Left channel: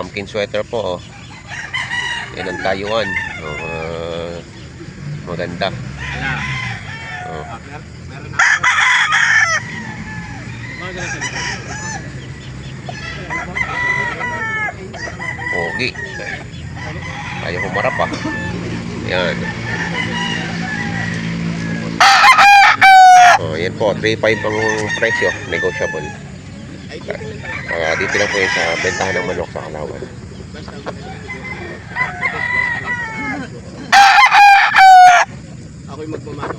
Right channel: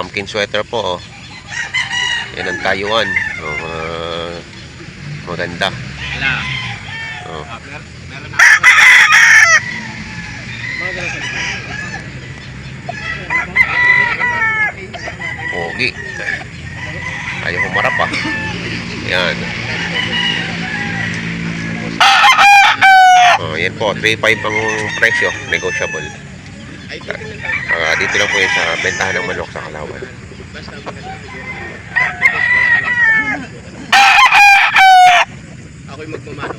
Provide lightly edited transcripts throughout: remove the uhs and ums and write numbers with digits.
pumpkin sweater po, oh. Yan ang Taiwan. Maganda. Oh. Pogi. Ayaw humarap, ah. Yan. Yan po, 3.5 ang presyo, negotiable. Dito lang po yun sa bentahan ng manok sa Kalawan. Ako'y magmamano.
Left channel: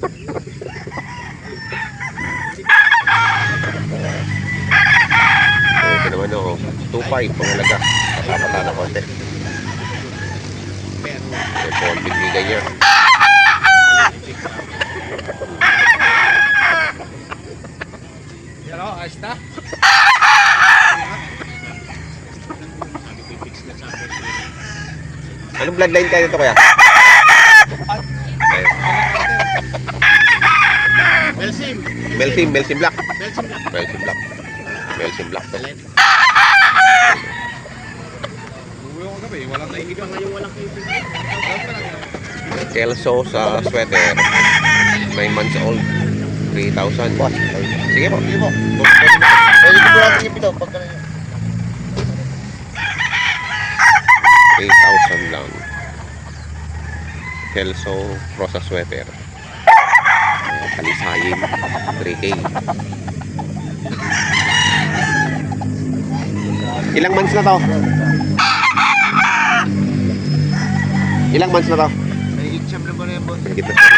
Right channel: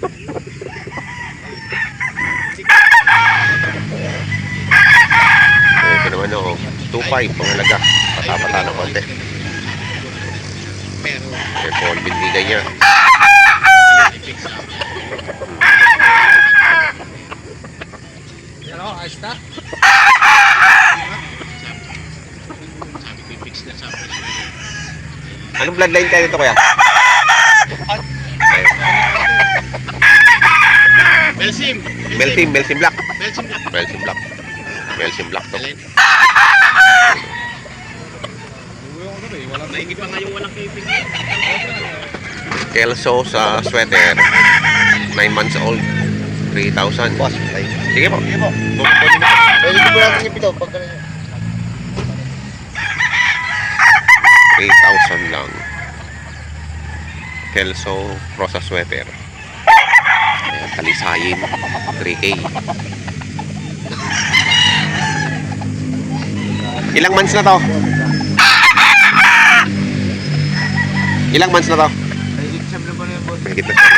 Ito naman, oh, 2.5 pangalaga. Patapata na konti. Yan po ang binigay niya. Anong bloodline tayo dito, kuya? Melsim. Melsim Black. Melsim. Melsim Black. Melsim Black to. Walang naingit pa ngayon, walang kiping. Kelso sa sweater. 9 months old. 3,000. Sige po. Sige po. Pwede ko natin ipito pagka 3,000 lang. Kelso Rosa sweater. Kalisayin 3K. Ilang months na to? Ilang months na to? Mahigit na siya.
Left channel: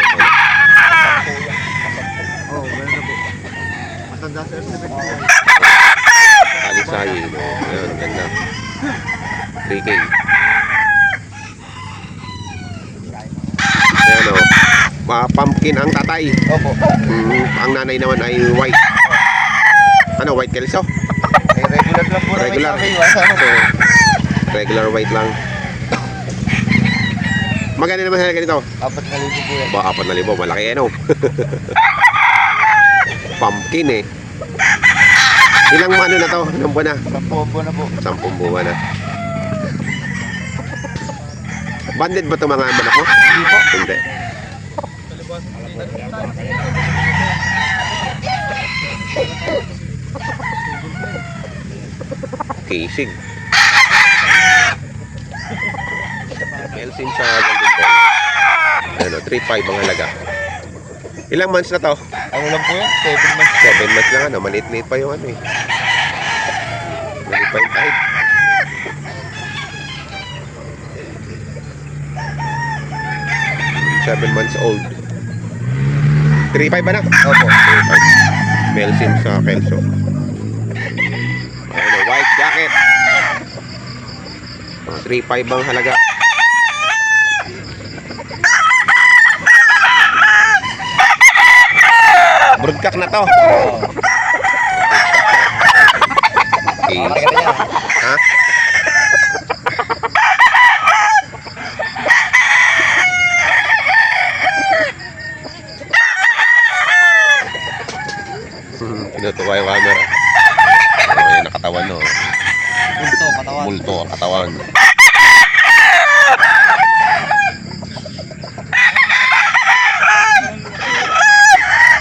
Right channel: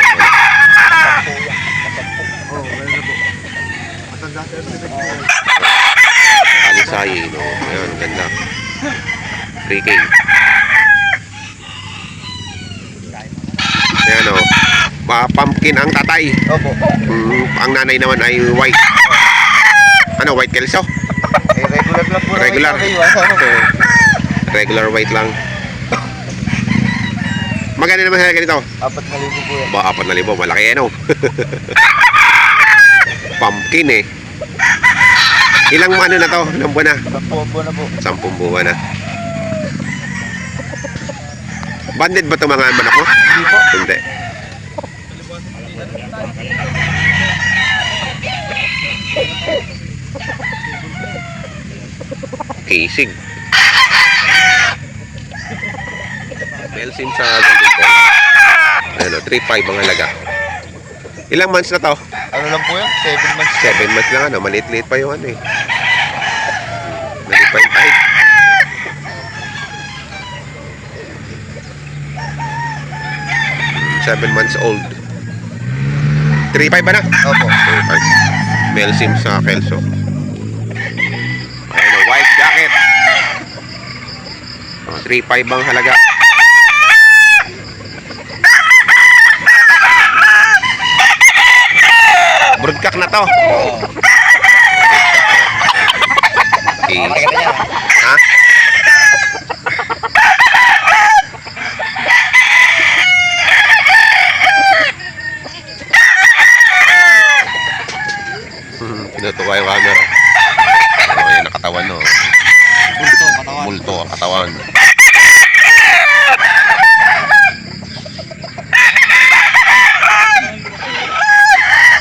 Kalisayin, oh. Ayan, ang ganda. 3K. Ayan, oh. Pumpkin ang tatay. Opo. Ang nanay naman ay white. Ano, white Kelso? Regular lang po. Regular. Regular white lang. Magkano naman sa ganito? 4,000 po yan. Ba, 4,000. Malaki yan, oh. Pumpkin, eh. Ilang ano na to? Ilang buwan na? 10 buwan na po. 10 buwan na. Banded ba ito mga manok mo? Hindi po. Hindi. Casing. Melsim sa Golden Ball. Ano, 3.5 ang halaga. Ilang months na to? Ano lang po yan? 7 months. 7 months lang, ano, maliit-liit pa yung ano eh. Maliit pa yung kahit. Seven months old. 3.5 ba na? Opo. 3.5. Melsim sa Kelso. Ayun, white jacket. 3.5 ang halaga. Broodcock na to. Okay. Ha? Tinutuwa yung camera. Oh, yan ang katawan, no. Multo ang katawan.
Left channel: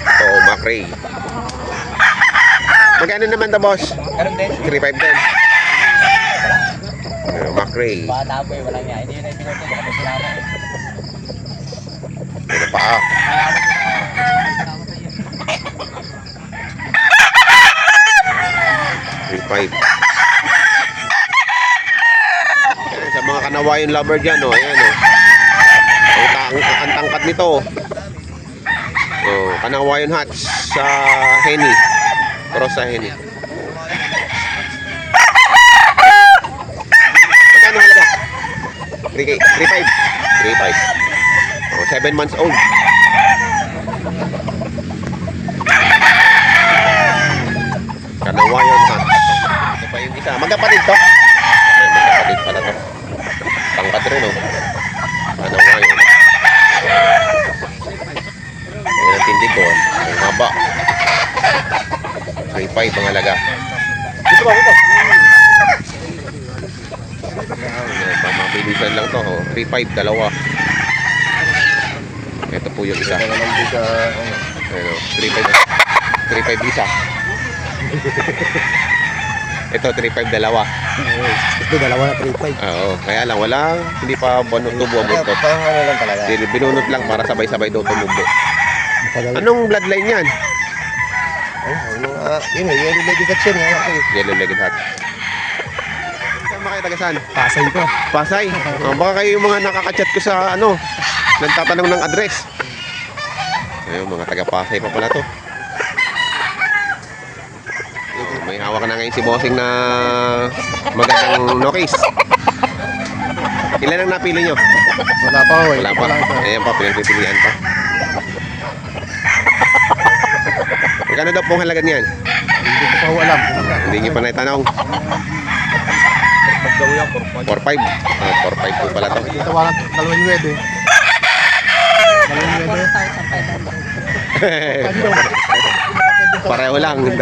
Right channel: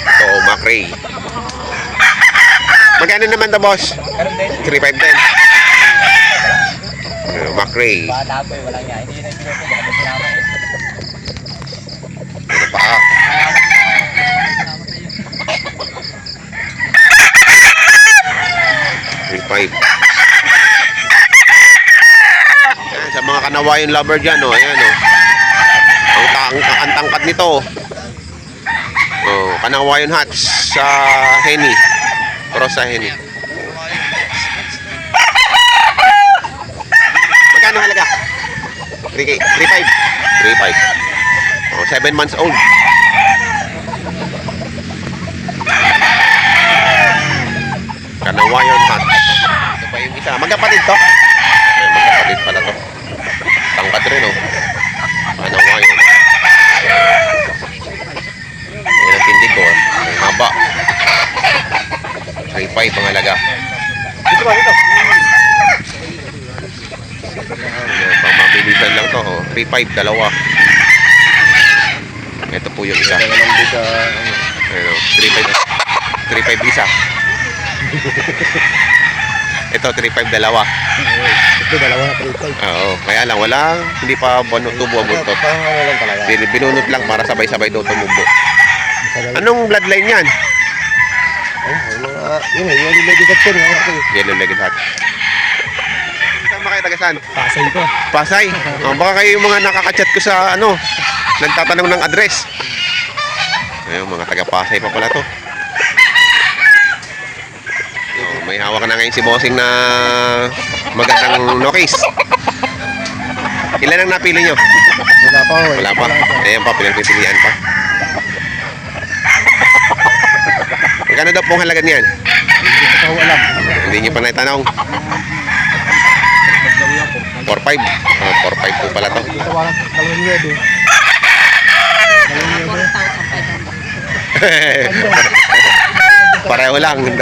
Ito, Macray. Magkano naman to, boss? 3.5 din. Macray. Wala nga. Hindi na sinuto. Baka sinama. Ano pa? Yan, sa mga kanawayan lover dyan, oh, ayan, oh. Ang tangkad nito, oh, kanawayan hats sa Henny. Cross sa Henny. Magkano halaga? 3K, 3.5. 3.5. Oh, 7 months old. Kanawayan hats. Ito pa yung isa. Magkapatid to? Ay, magkapatid pala to. Tangkad rin, oh. Kanawayan. Ayan ang tindig ko, ah. Ang haba. 3.5 ang halaga. Dito ba? Dito. 3.5, dalawa. Ito po yung isa. Ano, 3.5 isa. Ito 3.5 dalawa. Ito, dalawa na 3.5. Oo, kaya lang wala, hindi pa tubo ang buntot. Parang ano lang talaga. Binunot lang para sabay-sabay daw tumubo. Matagal. Anong bloodline yan? Yun eh, yung legislation. Yellow legged hat. Saan ba kayo tagasan? Pasay ko. Pasay. Oh, baka kayo yung mga nakaka-chat ko sa ano, nagtatanong ng address. Ayun, mga taga Pasay pa pala to. Oh, may hawak na ngayon si Bossing na magandang nokis. Ilan ang napili nyo? Wala pa ho. Wala pa. Ayan pa, pinagpipilian pa. Magkano daw pong halaga niyan? Hindi ko pa ho alam. Hindi nyo pa naitanong. Magdaw yan, 4.5. 4.5. 4.5 po pala to. Ito walang 2,900. 2,900. Pareho lang, 2.9.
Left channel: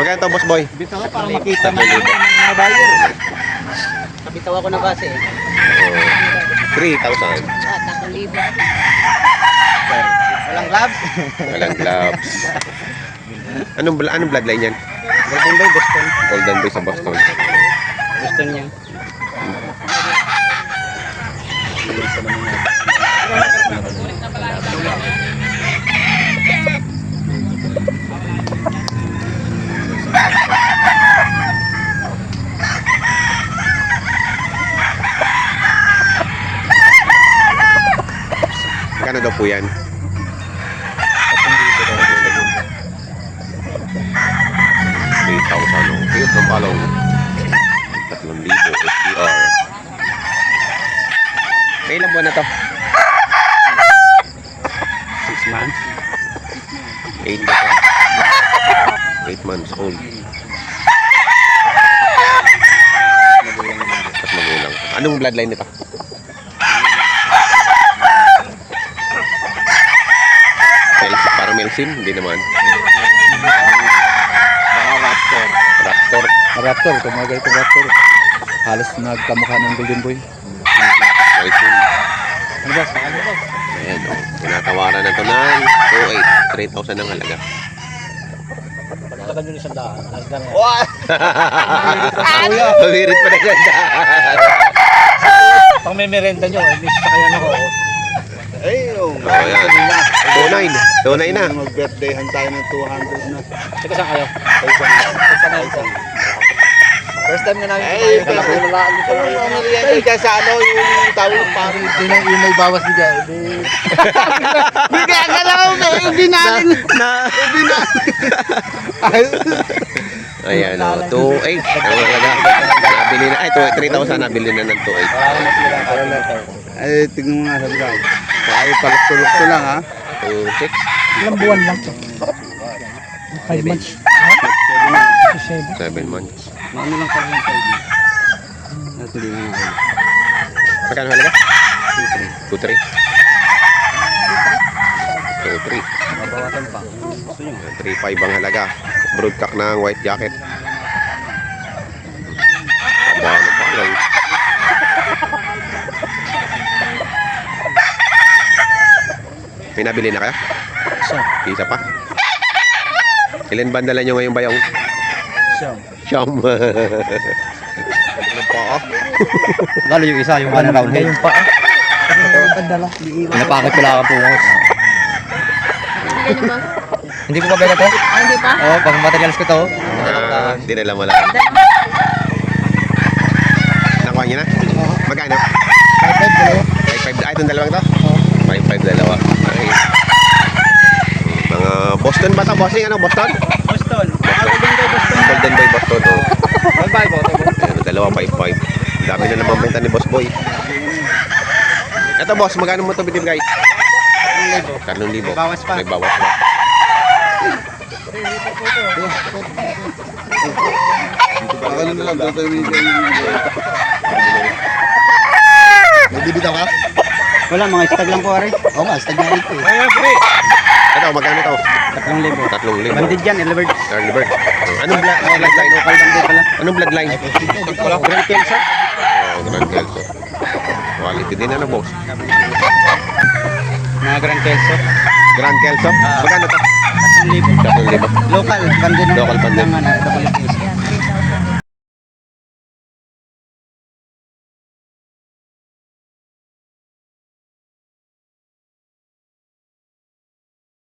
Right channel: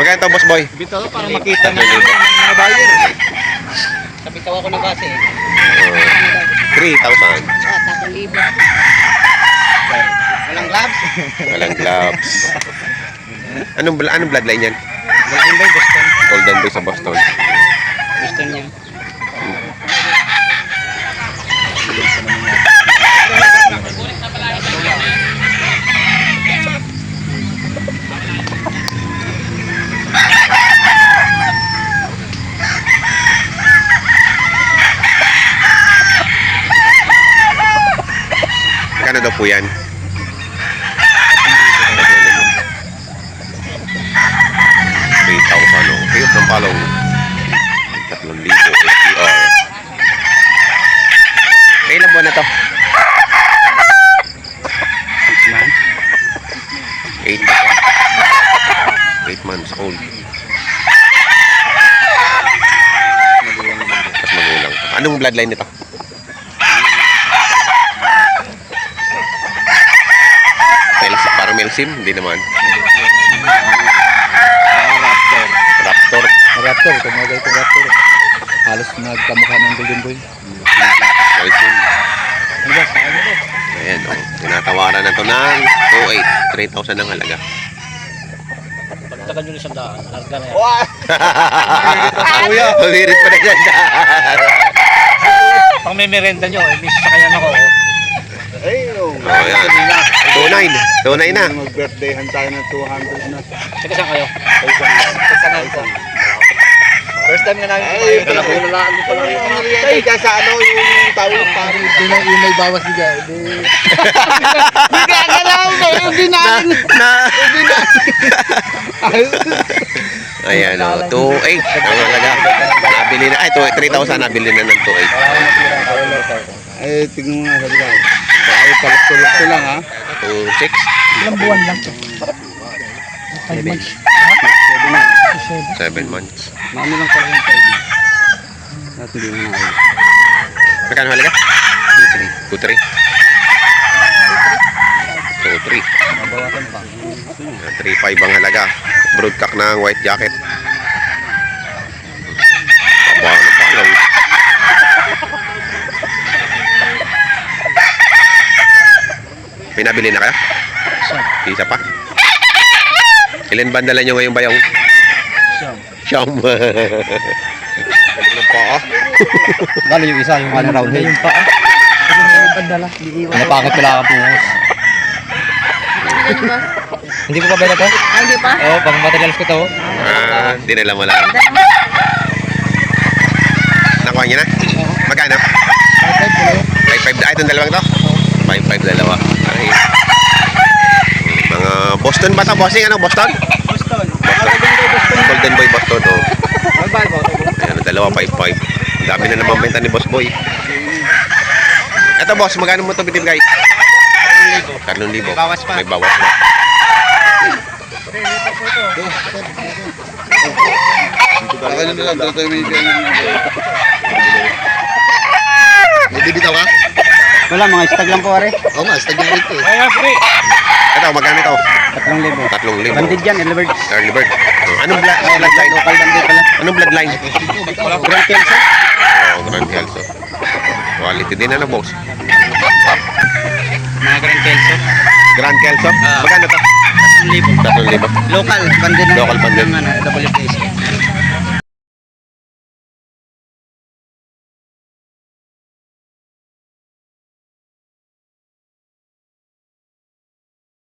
Magkano to, boss boy? Bitaw lang para makita na 3,000. mga buyer. Kabitaw ako na base. 3,000. Walang gloves. Walang gloves. Anong bloodline yan? Golden Boy, Boston. Golden Boy sa Boston. Boston niya. Magkano daw po yan? 3,000. Oh. Cute ng palong. 3,000 SDR. May ilang buwan na to? 8 months. 8 months old. Tapos magulang pa. Anong bloodline nito? Parang Melsim? Hindi naman. Raptor. Raptor. Raptor, tumagal ito Raptor. Halos nagkamukha ng Golden Boy. Melsim. Ano ba? Saan ba? Ayan, oh. Tinatawaran na ito ng 2.8. 3,000 ang halaga. Pagtagan nyo ng 100. Larga na yan. Kuya! Pabirit pa na yan. Pang may merenda nyo, miss sa kanya ako. Ay, Oh, yan. 2.9. 2.9 na. Mag-birthdayhan tayo ng 200 na. Sige, saan kayo? First time na namin kumain. Ay, sa ano yung tawag parang yung may bawas niya. Bigla na lang. Hindi namin. Ayan, oh. 2.8 ang halaga. Nabili na. Ay, 3,000 nabili na ng 2.8. Ay, tignan mo nga sabi ka. Ay, palok-tulok lang ha. 2.6. Ilang buwan lang to? 5 months. 7 months. Ano lang pala yung 5 months. At hindi mo nga. Magkano halaga? 2.3. 2.3. Nabawasan pa. 3.5 ang halaga. Broodcock ng white jacket. Aba, ano pa lang. May nabili na kayo? Isa pa? Ilan ba dala nyo ngayong bayong? Siyam. Ano pa ah? Lalo yung isa, yung ano round head. Yung paa. Napakot ko lang ang pungos. Hindi ko pa ba ito? Hindi pa? Oo, pang materials ko to. Dinala mo lang. Nakuha niya na? Magkano? 5.5. Ay, itong dalawang to? 5.5 dalawa. Ay. Mga Boston ba ito? Bossing, ano? Boston? Boston. Golden Boy Boston, oh. Ayan, dalawa, 5.5. Ang dami na naman benta ni Boss Boy. Eto, boss, magkano mo ito binibigay? 3,000. May bawas pa. Baka nyo na lang, dito yung medyo. Bibitaw ka? Wala, mga stag lang po, are. Oo, mas tagyan dito eh. Ay, free. Ito, magkano ito? 3,000. 3,000. Banded yan, early bird. Early bird. Anong bloodline? Local banded pala. Anong bloodline? Walang pensa. Oh, Grand Kelso. Quality din ano, boss? Mga Grand Kelso. Grand Kelso? Magkano to? 1,000. 3,000. Local, pan din. Local pan din. Ng ano, WPS.